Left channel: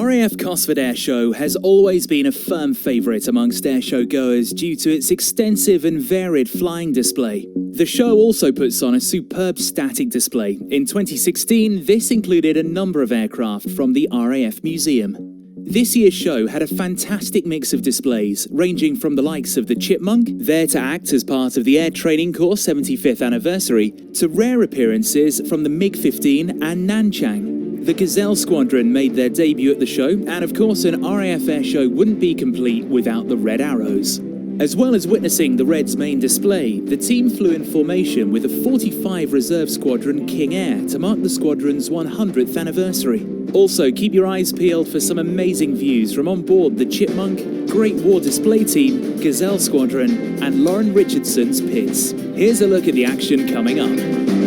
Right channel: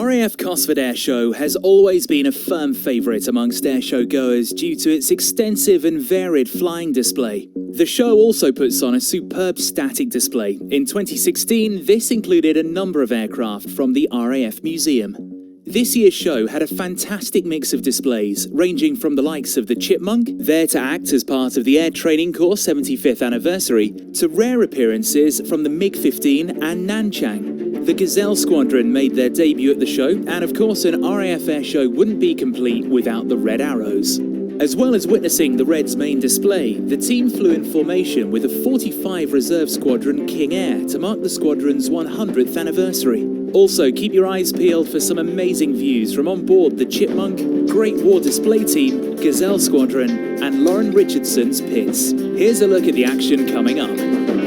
RAF Cosford Airshow has always been a firm favourite amongst airshow goers due to its extensive and varied flying display. The show also puts on a superb static display. In 2016, this included a number of aircraft from the RAF Museum. This year's show had a fantastic mix of displays, ranging from the likes of the Chipmunk, there to act as part of the Air Training Corps 75th anniversary, to rare appearances from the MiG-15 and Nanchang. The Gazelle Squadron made their debut at the show, and of course an RAF airshow wouldn't be complete without the Red Arrows. As well as witnessing the Reds' main display, the team flew in formation with a 45 Reserve Squadron King Air to mark the squadron's 100th anniversary. Also, keep your eyes peeled for some amazing views from on board the Chipmunk, Great War Display Team, Gazelle Squadron, and Lauren Richardson's pits. Here's a look at the action coming up.